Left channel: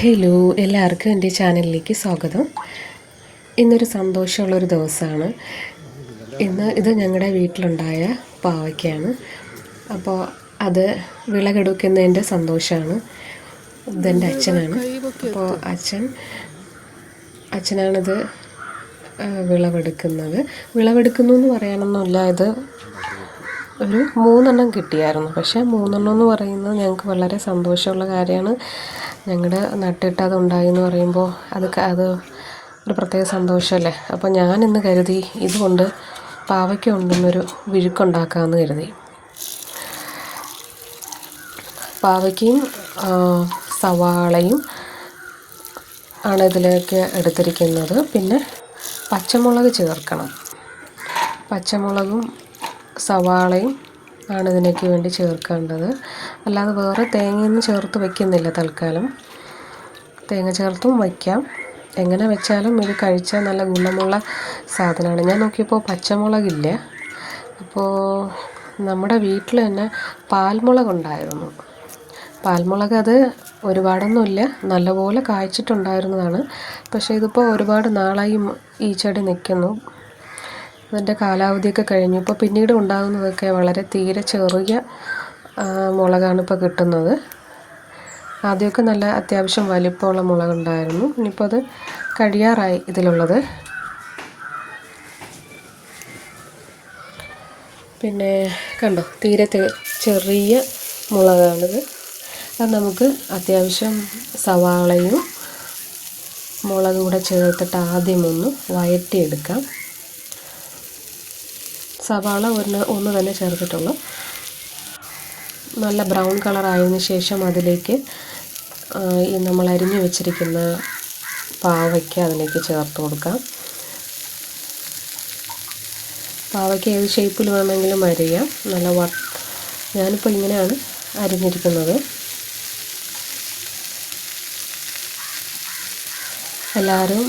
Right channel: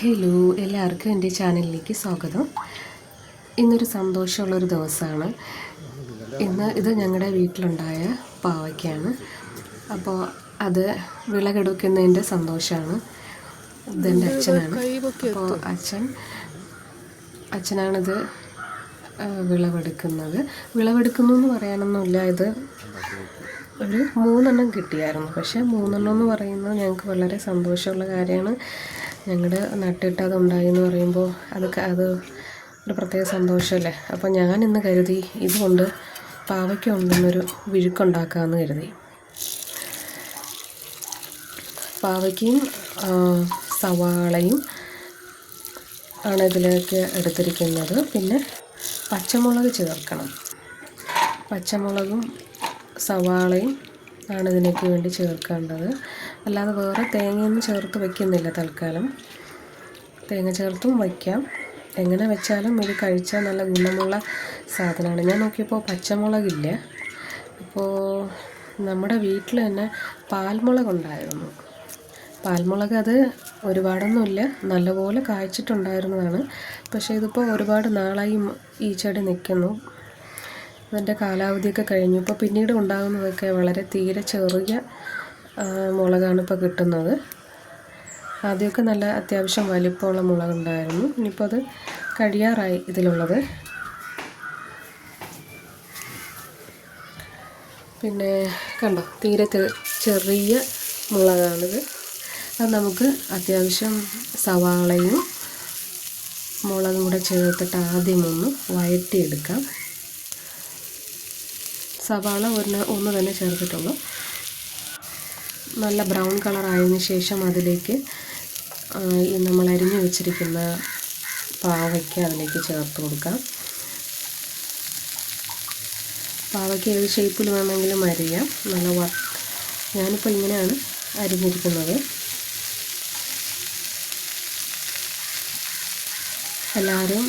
Hello, എല്ലാവർക്കും എൻ്റെ ചാനലിലേക്ക് സ്വാഗതം. ഇന്നൊരു സന്തോഷമുള്ളൊരു ദിവസമാണ്. ഇത് ഞങ്ങളുടെ വീട്ടിലുണ്ടായ പാവയ്ക്കാണ്. അപ്പോൾ അത് വിളവെടുക്കുന്നതിൻ്റെ സന്തോഷമാണ്. ഇതെൻ്റെ അച്ഛനാണ്. അപ്പോൾ അച്ഛനാണിത് വിളവെടുക്കുന്നു എന്ന് പറയാനൊന്നുമില്ല. ഇത് ഒരു 3 കിട്ടിയായിരുന്നു. പക്ഷേ 3 എന്ന് പറയുന്നത് ഞങ്ങൾക്ക് വളരെ സന്തോഷമുള്ള കാര്യമാണ്. ഞങ്ങളുടെ നട്ടിട്ട് അതുണ്ടായി എന്ന് പറയുമ്പോൾ അത് ഒരു പ്രത്യേക സന്തോഷമല്ലേ. അപ്പോൾ ഞാനിന്ന് കരുതി ഇതുകൊണ്ട് പാവയ്ക്ക കൊണ്ടൊന്നൊരു വിഴുക്കുണ്ടാക്കാമെന്ന് കരുതി. പാവയ്ക്കയും സവാളയും ആണ് ഇതിലേക്ക് എടുത്തിരിക്കുന്നത്. പിന്നെ പച്ചമുളക് ചേർക്കണം. പച്ചമുളകും സവാളയും ആണ് ഇതിനേക്ക് വേണ്ടി ചേർക്കേണ്ടത്. അല്ലാതെ വേറെ തേങ്ങയൊന്നും ചേർത്ത് വയ്ക്കുന്നില്ല തൽക്കാലം. തേങ്ങ ചേർത്തും വയ്ക്കാം, എങ്ങനെ വെച്ചാലും ഇത് കഴിച്ചാൽ നല്ല ഗുണമുള്ള സാധനമാണ്. ഞാൻ നോക്കിയപ്പോൾ പച്ചമുളകില്ല. അപ്പോൾ നമ്മുടെ വീട്ടിൽ തന്നെ പാൽമുളകുണ്ടായിരുന്നു. പാൽമുളക് അത് ഒരുപാടൊന്നുമില്ല, നല്ലപോലെ കായ്ച്ചിട്ടുണ്ടായിരുന്നതാണ്. പക്ഷേ ഇതിപ്പോൾ ഒരുപാട് നാളായി ഈ ചെടി നിൽക്കുന്നു. ഇതിൻ്റെ കാലാവധിയൊക്കെ കഴിഞ്ഞു. ഇപ്പോൾ പിന്നീട് ഉണ്ടാകുന്നതൊക്കെ വളരെ തീരെ ചെറിയ മുളകാണ് ഇപ്പോൾ കിട്ടുന്നത്. ആദ്യമൊക്കെ നല്ല അത്യാവശ്യം വലിപ്പമുള്ള മുളകുണ്ടായിരുന്നു. ഇനിയിപ്പോൾ അത് കഴിയാറായി ഇതിലുള്ളത്. പിന്നെ കണ്ടോ, തീരെ ചെറിയ മുളകാണിത്. അത് നമുക്ക് അത്യാവശ്യം സവാളയും മുളകും കൂടെ ചേർത്തിട്ട് ആദ്യം ഒന്ന് വഴറ്റിയെടുക്കാം. സവാള ഒന്ന് തന്നെ ചേർത്തിട്ടുള്ളൂ. നല്ല ബ്രൗൺ കളറായതിന് ശേഷം അതിലേക്ക് നമ്മൾ അരിഞ്ഞു വെച്ചിരിക്കുന്ന പാവയ്ക്ക അതിലേക്ക് ചേർത്ത് കൊടുക്കാം. പാവയ്ക്ക ഏത് ഷേപ്പിൽ വേണമെങ്കിലും അരിയാം. ഞാനിപ്പോൾ ഇങ്ങനെയാണ് അരിഞ്ഞിരിക്കുന്നത്. എല്ലാവരും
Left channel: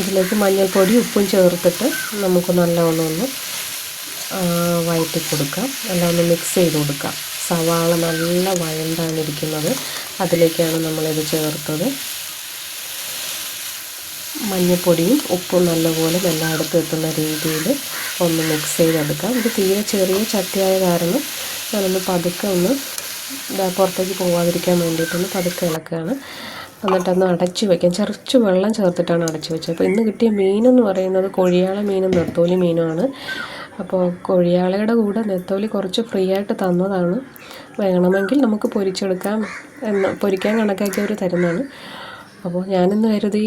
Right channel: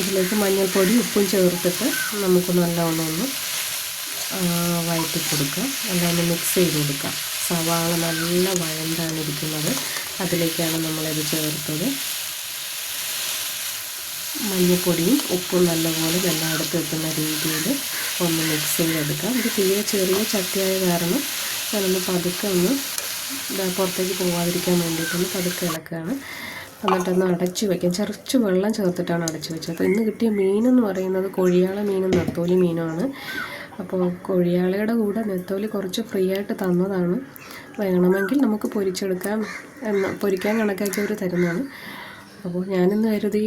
ഇതിലേക്ക് മഞ്ഞൾപ്പൊടി ഉപ്പും ചേർത്തിട്ട് നമുക്ക് നല്ലോണം ഒന്ന് വഴറ്റി കൊടുക്കാം. എല്ലാം ഒന്ന് മിക്സ് ചെയ്ത് കൊടുക്കാം. സവാള നല്ല വഴണ്ടാണ് ഇരിക്കുന്നത്, അതിലേക്കാണ് നമ്മളിത് ചേർത്തത്. മഞ്ഞൾപ്പൊടിയും ഉപ്പും നല്ലപോലെ എല്ലായിടത്തും എത്തുന്ന രീതിയിൽ ഒന്ന് മിക്സ് ചെയ്തെടുക്കാം. ഇത് തീരെ ചെറിയ ചട്ടിയായ കാരണം ഞാനൊന്ന് പതുക്കെ പുറത്തേക്ക് പോകാതിരിക്കാൻ വേണ്ടിയിട്ടൊന്ന് പതുക്കെ ഇളക്കുകയാണ്. എന്നിട്ടൊന്ന് അടച്ചു വയ്ക്കാം. കുറച്ച് വെള്ളം ചേർത്തിട്ടാണ് അടച്ചു വെച്ചത്. അപ്പോൾ ഇന്ന് കിട്ടിയ മീനെന്ന് പറയുന്നത് കൊഴിയാള മീനും നെത്തോലി മീനുമാണ്. അപ്പോൾ കൊഴിയാളയുടെ കൂടെ നെത്തോലി കുറച്ച് ഫ്രീ ആയിട്ട് തന്നതാണ്. വേണമെങ്കിൽ നമുക്ക് പൊരിക്കാൻ കണക്കാക്കിയവർ തരുന്നതാണ്. അപ്പോൾ ഞാനിന്ന് കരുതി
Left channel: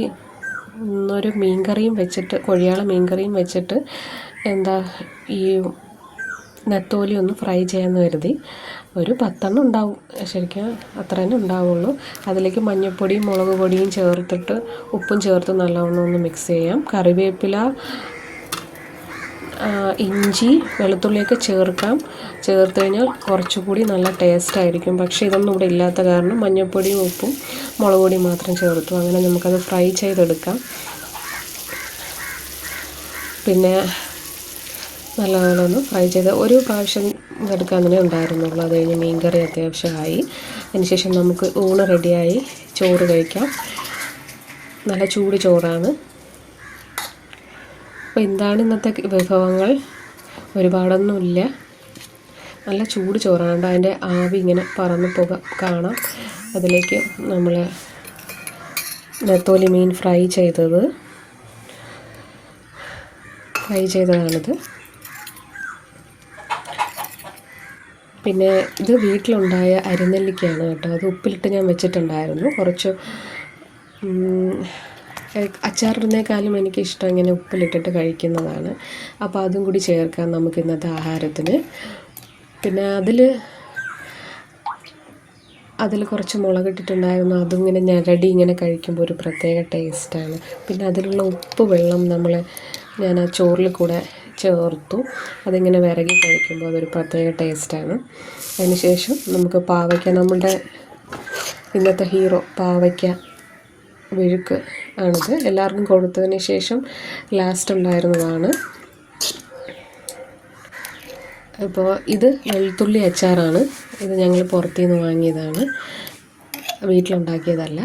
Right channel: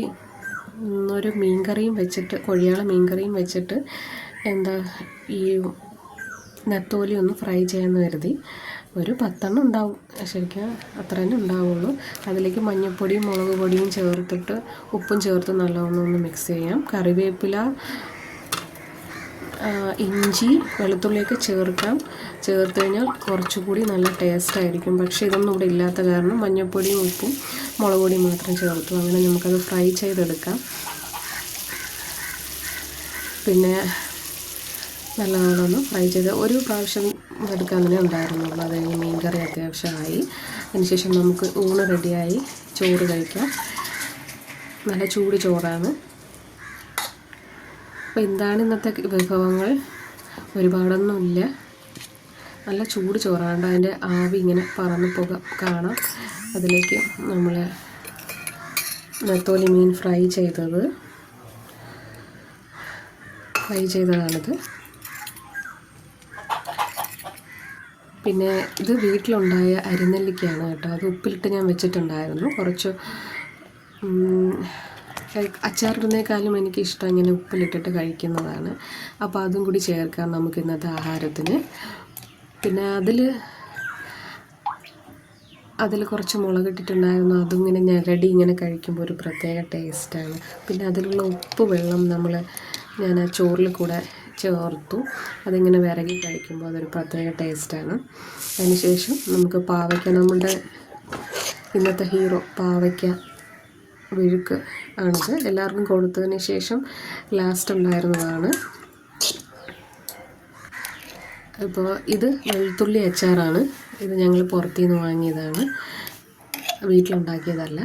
ഇന്നൊരു മീൻകറിയും വെച്ചിട്ട്, കൊഴിയാള മീൻകറിയും വെച്ചിട്ട് ഈ നെത്തോലി ഒന്ന് ഫ്രൈ ചെയ്യാമെന്ന് കരുതി. ഒരു 10 ഉണ്ടാവും, ശരിക്കും അത്ര തന്നെ ഉണ്ടാവുള്ളൂ. അതിലേക്ക് മഞ്ഞൾപ്പൊടിയും മുളക് പൊടിയും ചേർത്തിട്ട് ഉപ്പും ചേർത്ത് നല്ലവണ്ണം ഒന്ന് മിക്സ് ചെയ്യാം. കറിവേപ്പില, ഇഞ്ചി, വെളുത്തുള്ളിയൊക്കെ ചേർത്ത് കഴിഞ്ഞാൽ കുറച്ചുകൂടി നല്ല ടേസ്റ്റ് ആയിരിക്കും. പക്ഷേ ഇതൊന്നും ഇവിടെ ഇല്ലാത്ത കാരണം മഞ്ഞൾപ്പൊടിയും ഉപ്പും മുളക് പൊടിയും മാത്രം ചേർത്തു. അങ്ങനെ നമുക്കത് ഫ്രൈ ചെയ്തെടുക്കാം. പിന്നെ നല്ലപോലെ ഒന്ന് ഫ്രൈ ചെയ്ത് ഒരു പ്രാവശ്യം എടുക്കാൻ തന്നെ ഉണ്ടായിരുന്നുള്ളൂ. അത് കഴിഞ്ഞ് മീൻകറി അത്യാവശ്യമായി. അതിനുശേഷം നമുക്ക് ഊണ് റെഡിയായി, ചോറ് കഴിക്കാം. നല്ല ചൂട് ചോറാണ്. അപ്പോൾ എന്താണ് ഇന്നത്തെ വിഭവങ്ങൾ? ഒരുപാടൊന്നുമില്ല, നല്ല ചൂട് ചോറാണ്. അതിൻ്റെ ആവി ഇങ്ങനെ പറന്ന് കാണാം. അതിലേക്ക് നമ്മൾ നെത്തോലി മീൻ ഫ്രൈ ചെയ്തതാണിത്. പിന്നെ ഇത് വീട്ടിലുണ്ടായ അരിനെല്ലിക്കയാണ് കേട്ടോ. അത് ഉപ്പിലിട്ട് ഞാൻ വെച്ചിട്ടുണ്ടായിരുന്നു. കുറച്ച് അച്ചാറിടുന്നേക്കാളും എനിക്കിഷ്ടം ഇങ്ങനെ ഉപ്പിലിട്ടിട്ട് കഴിക്കുന്നതാണ്. അപ്പോൾ അതും കൂടി ചേർക്കാം നമുക്ക് ഇന്നത്തെ ആഹാരത്തിന്. പിന്നെ അതിൽ കുറച്ച് മുളകിട്ടിട്ടുണ്ടായിരുന്നു. അതിങ്ങനെ ഞരടി ഇങ്ങനെ കഴിക്കുമ്പോൾ ഒരു പ്രത്യേക ടേസ്റ്റാണ്. പിന്നെ അതിലുള്ള ഉപ്പ് വെള്ളം ഞാൻ ആ ചോറിൽ കൂടെ ചേർത്തു. അതിങ്ങനെ വിരകി കഴിക്കുമ്പോൾ അതൊരു പ്രത്യേക ടേസ്റ്റാണ്. അതിനുശേഷം നമുക്ക് പാവയ്ക്ക, നമ്മളുടെ ഇന്നത്തെ ഹീറോ പാവയ്ക്ക വിഴുക്ക് ആണിത്. എല്ലാവർക്കും കൊടുത്തതിന് ശേഷം ലാസ്റ്റ് ഉണ്ടായിരുന്നതാണ്. ഇപ്പോൾ ഇത് വെളുത്തുള്ളി അച്ചാറാണ്. ഇത് ഞങ്ങൾ പുറത്തുനിന്ന് വാങ്ങിയതാണ്, വീട്ടിലുണ്ടാക്കിയതല്ല.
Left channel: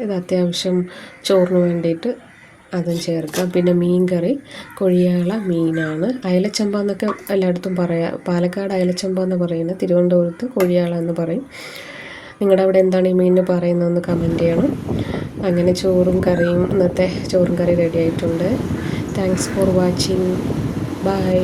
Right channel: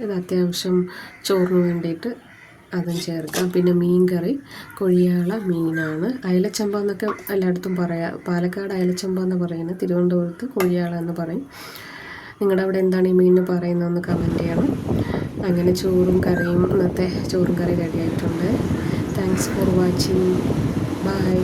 ഇത് അത്യാവശ്യം ചോറിന് വേണ്ടിയിട്ട് അതും ചേർക്കാം. പിന്നെ മീൻ കറി കൊഴിയാള മീനാണ്. അയലച്ചമ്പ എന്നൊക്കെ എല്ലായിടത്തും പറയാം. പാലക്കാട് അയലച്ചമ്പ എന്ന് പറയുന്നത്, തിരുവനന്തപുരത്ത് കൊഴിയാള എന്ന് പറയും. നിങ്ങളുടെ അവിടെ എന്താണ് ഈ മീനിന് പറയുന്നതെന്ന് കമൻറ്റ് ചെയ്യണം. അങ്ങനെ ചോറും കറിയും, ഇന്നത്തെ ചോറും കറി റെഡി ആയിട്ടുണ്ട്. Thanks for watching. ബൈ.